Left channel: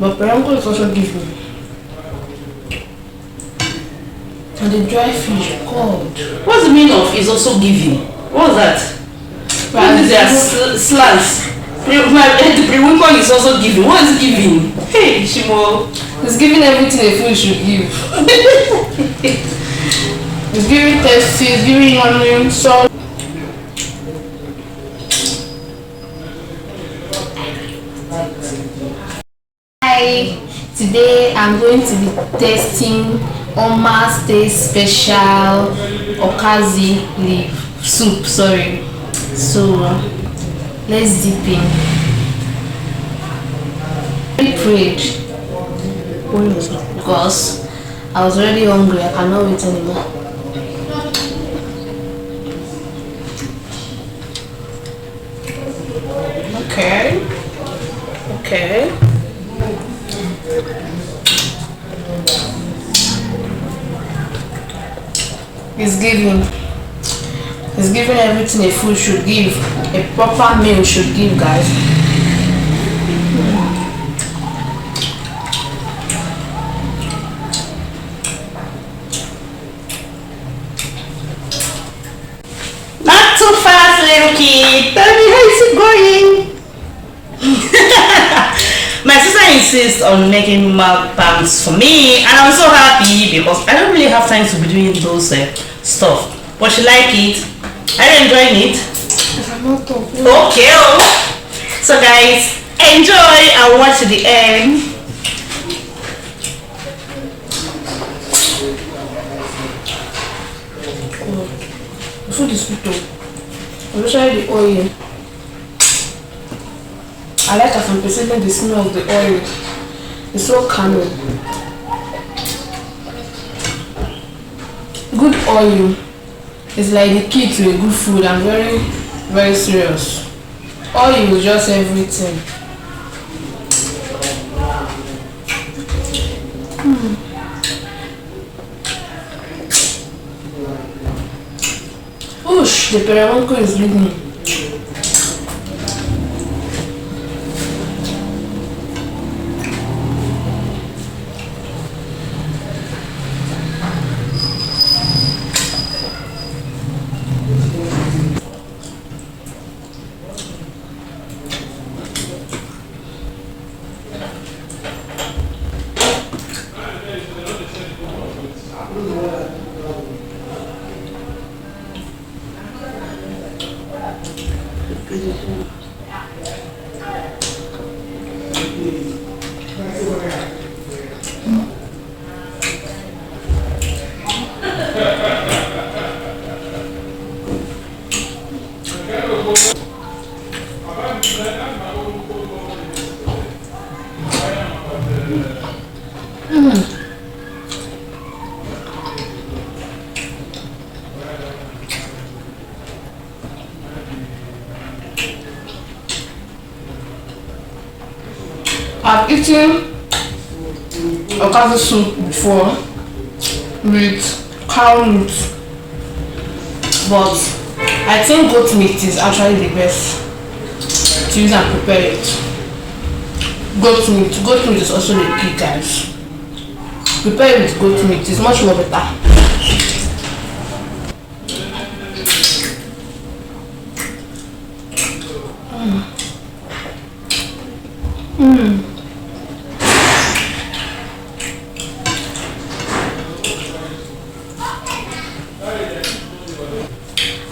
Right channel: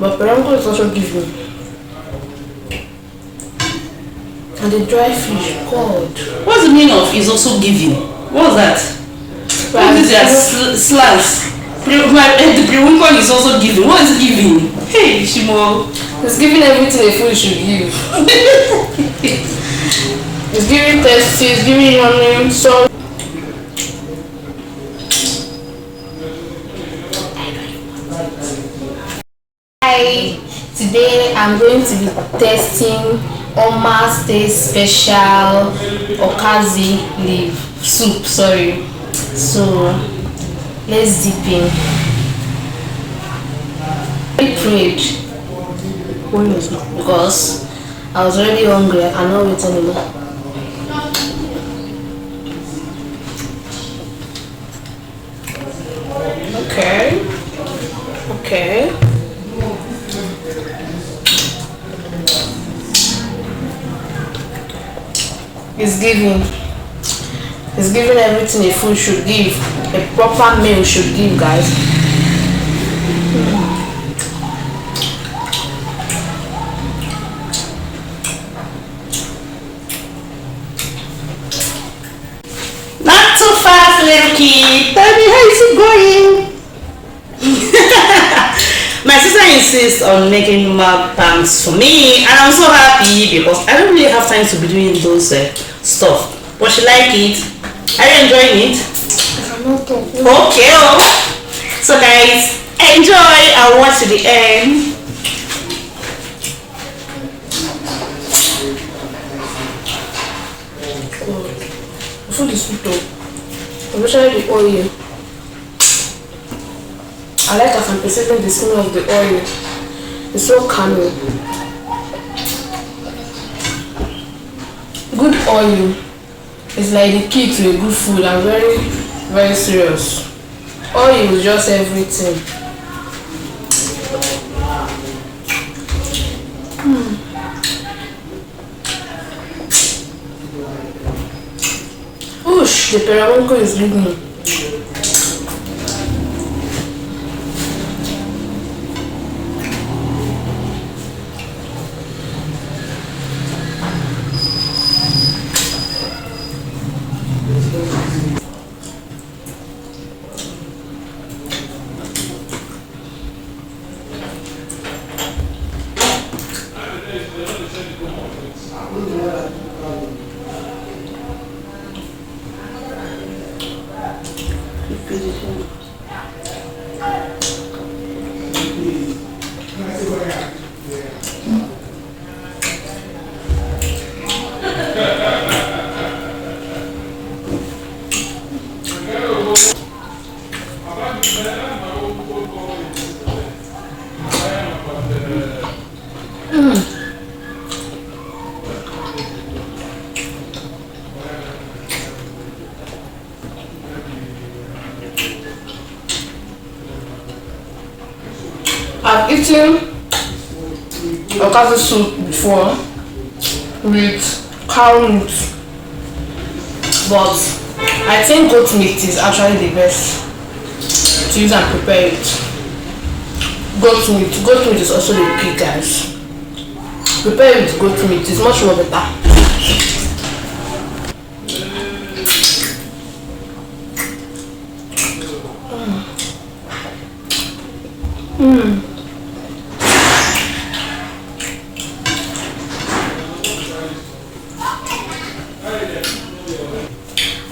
But perango is also giving. And the dry fish, God. What's the meaning of is also giving? What's that? What is that slants? The pre-winkle is also giving. What is giving? Hey, Shimo. It's giving everything a food should give. It's giving tasty, it's giving onion, salt. Hi, today I'm going to be testing Oma's Taste Special Okazi leaf soup. Sorry. So let's dip in. I prayed because I was already hungry. I cannot wait anymore. Okay. It's giving everything a food should give, a proper meal should give, guys. Not too fast, little kid. Tell me how is it going? My sister insists on making mukbangs for me, and I'm so happy because I don't really have time to be doing those stuff. But she like it. Are you enjoying it? Okay. So guys, enjoy and watch to the end. The food is sweet though. Especially the oil. I like as I'm perceiving the smell of the oil. It's so calming. Good oil is like the key to a good food. I'm very, very serious. Oil is just everything. Oosh, the perango is leaving me. I've eaten Okazi soup before with cow meat, but I think goat meat is actually the best to use and prepare it. Goat meat is also the key, guys. Prepare with goat meat, it's much more better.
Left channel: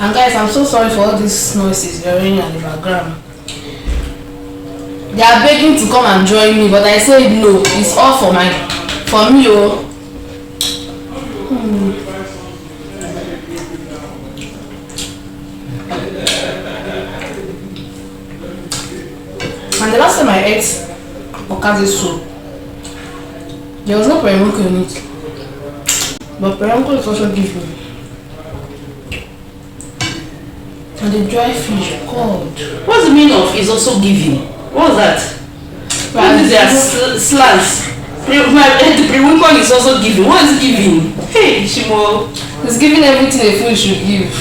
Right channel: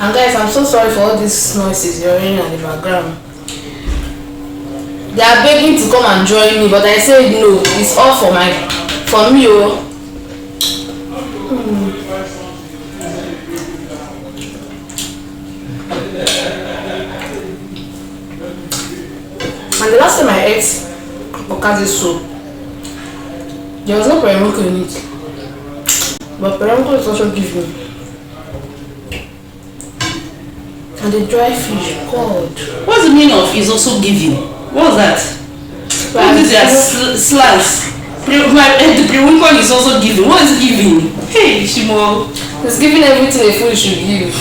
And guys, I'm so sorry for all these noises you're hearing in the background. They are begging to come and join me, but I said no. It's all for me. Oh. And the last time I ate Okazi soup, there was no perango in it. But perango is also given. And the dry fish, God. What's the meaning of is also giving? What's that? What is that slants? The pre-winkle is also giving. What is giving? Hey, Shimo. It's giving everything a food should give.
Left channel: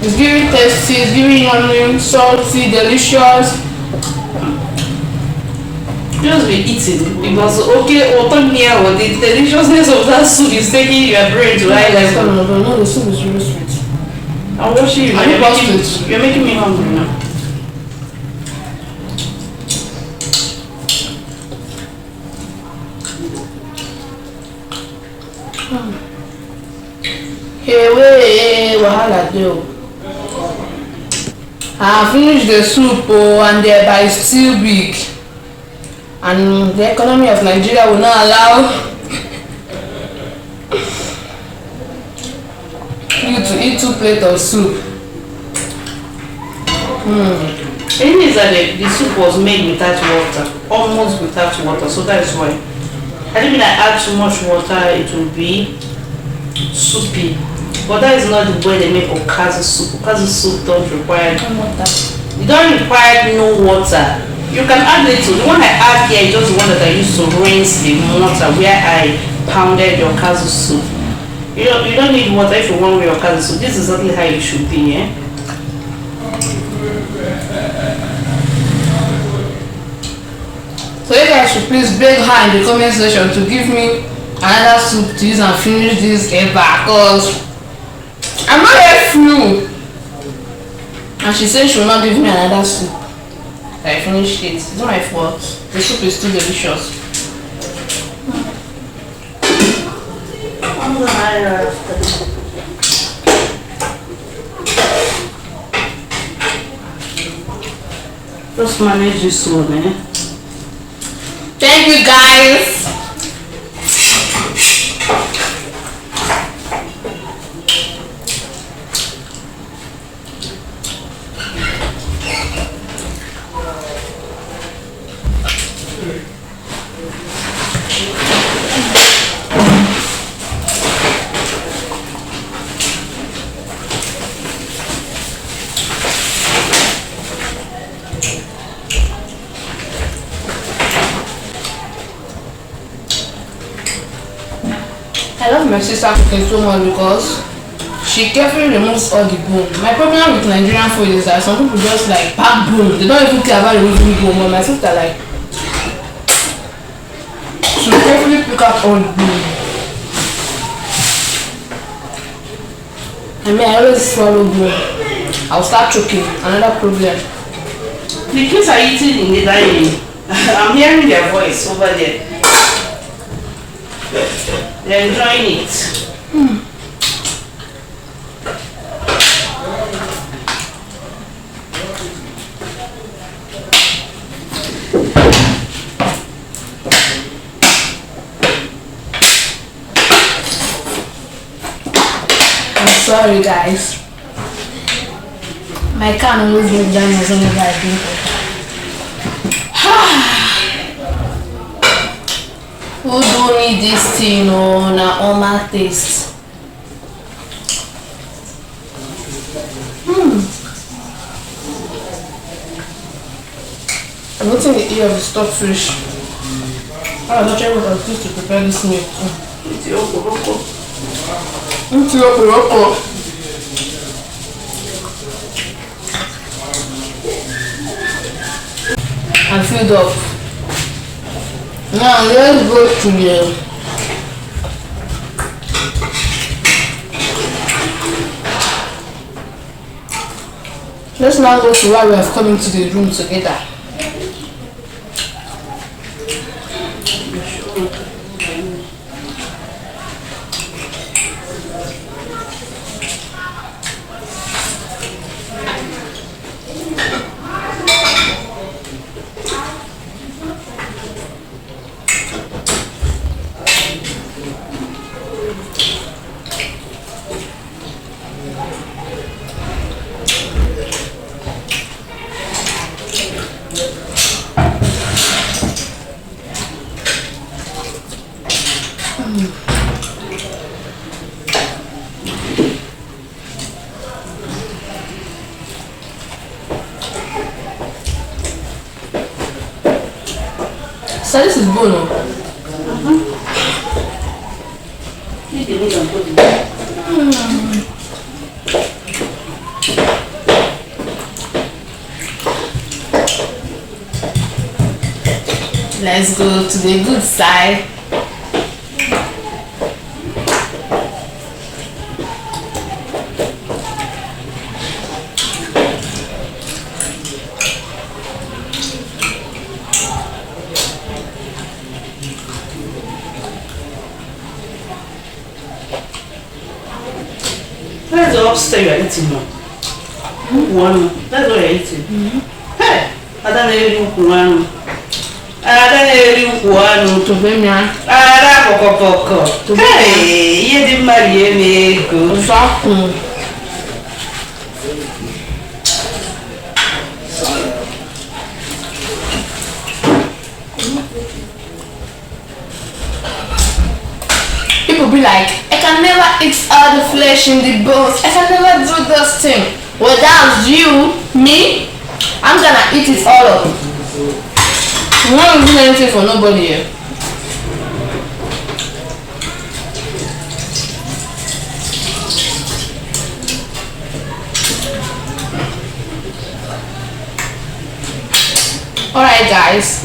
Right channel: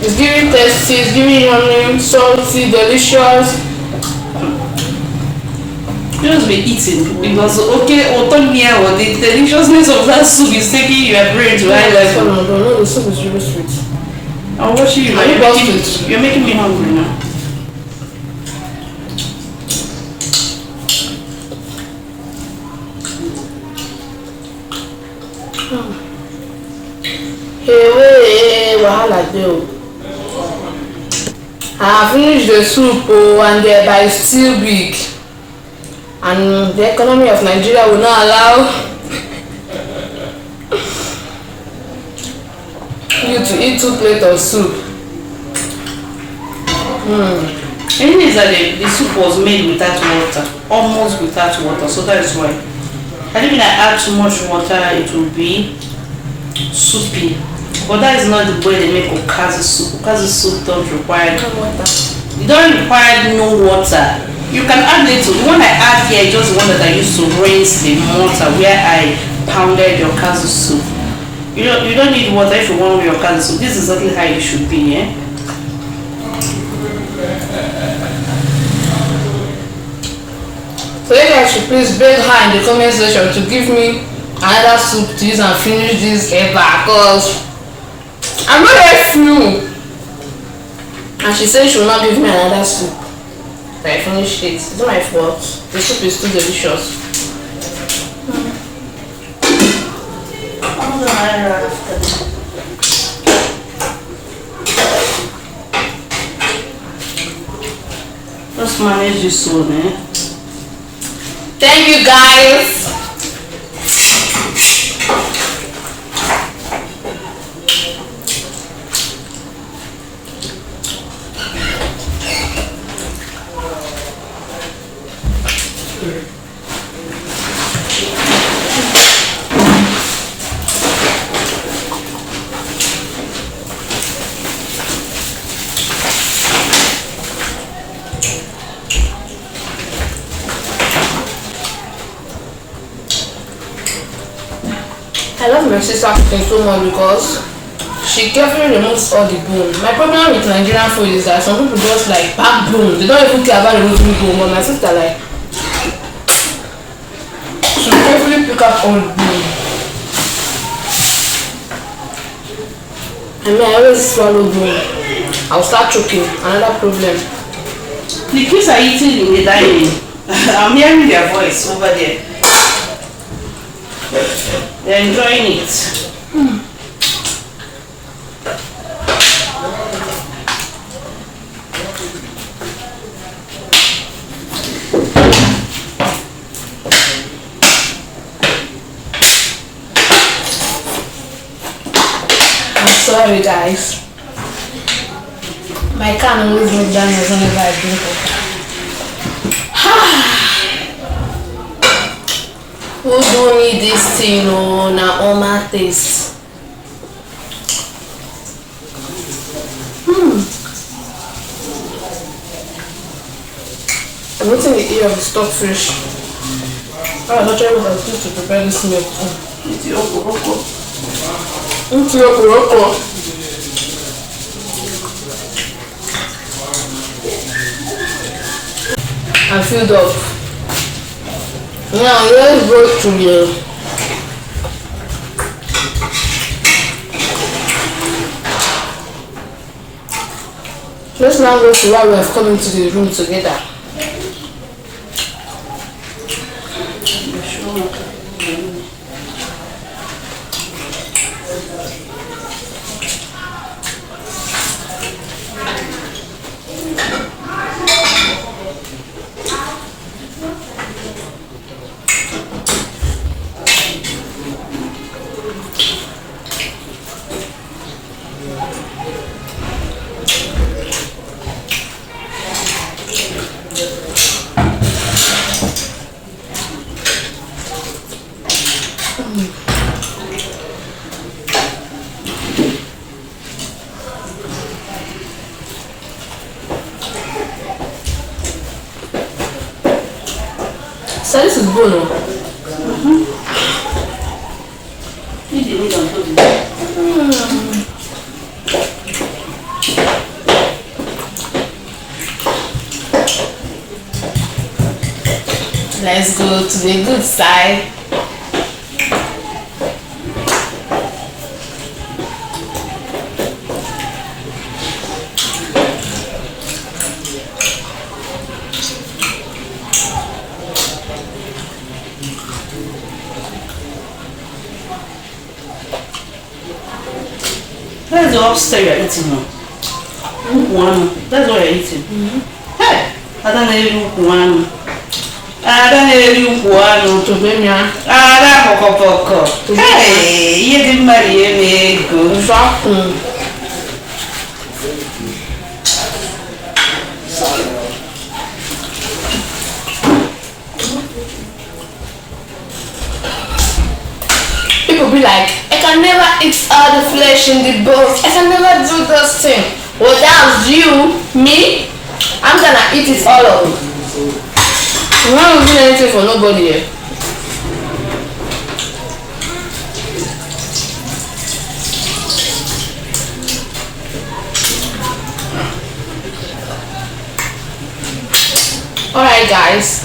It's giving tasty, it's giving onion, salty, delicious. just be eating because okay, otonia or the deliciousness of that soup is taking your brain to high level. No, the soup is really sweet. I'm watching you. You're making me hungry now. Hey, wait, wahala dey. I finished the soup and thereby it's still big. And the economy of Nigeria will not allow you to eat 2 plates of soup. The thing is that the soup was made without water, almost without water, so that is why. I think if I add too much water, it will be soupy. But that is not the way they make Okazi soup. Okazi soup don't require Water. you don't require no water. You can add little. The one I add here is just the one that I used to rinse in water where I pounded your Okazi soup. You don't need water if you want your Okazi soup. This is exactly how it should be, eh? So you guys should please beg her in the comment section to give me another soup to use and finish this eba, because I'm not a flu. And she said she will not give me another soup. So I finished it. It's not my fault. The soup is too delicious. Just manage this one, eh? Thank you guys. I love my sister cooking so much because she carefully removes all the bone. My problem with Nigerian food is that some people just like pack bone. They don't even care about removing bone. But my sister like she carefully pick up all the bone. I mean, I always swallow bone. I'll start choking. Another problem. The kids are eating in the dining. I'm hearing their voice over there. They're enjoying it. I'm sorry guys. My car always goes down as whenever I drink water. Who do need this thing on a oma taste? I'm not the ear of the stockfish. I was actually going to prepare this meal too. It's your okoro. It's your okoro. I'm filled up. Now let's go to the let's now go to why we have come into the room together. So this is Bono. Let's go to the good side. That's the upstairs you're eating now. One. That's what you're eating. Hey, I don't know if you want. I don't know if you want To be me, Ah, poko. Hey, you didn't marry me. Good. exactly. People be like, I can never eat all the flesh in the bones. I can never do this thing. Well, that's you, me. I'm gonna eat it all of it. I'm not doing anything for nobody here. Alright guys,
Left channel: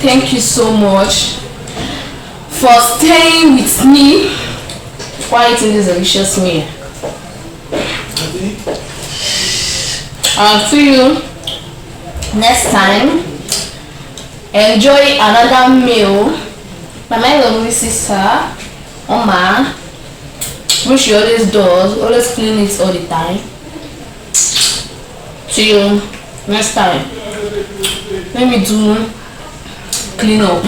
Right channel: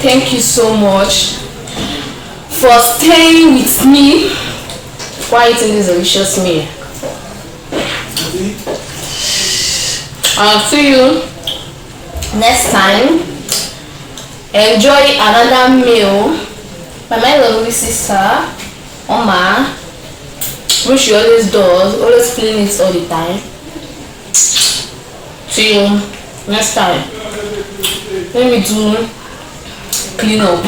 thank you so much for staying with me while eating this delicious meal. I'll see you next time. Enjoy another meal by my lovely sister, Oma, which she always does, always clean it all the time. See you next time. Let me do clean up.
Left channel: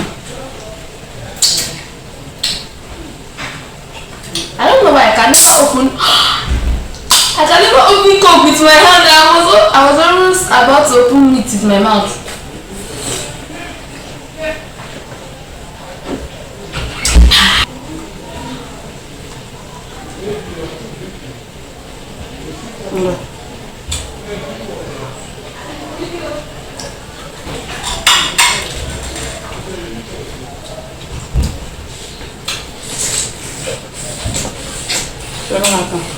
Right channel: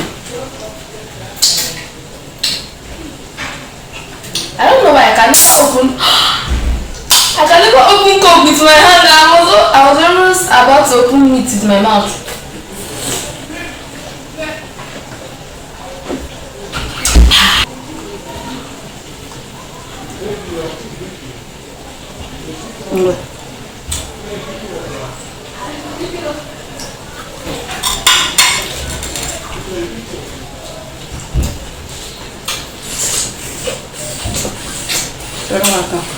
I don't know why I can never open. I can never open coke with my hand. I was almost about to open it with my mouth. Welcome.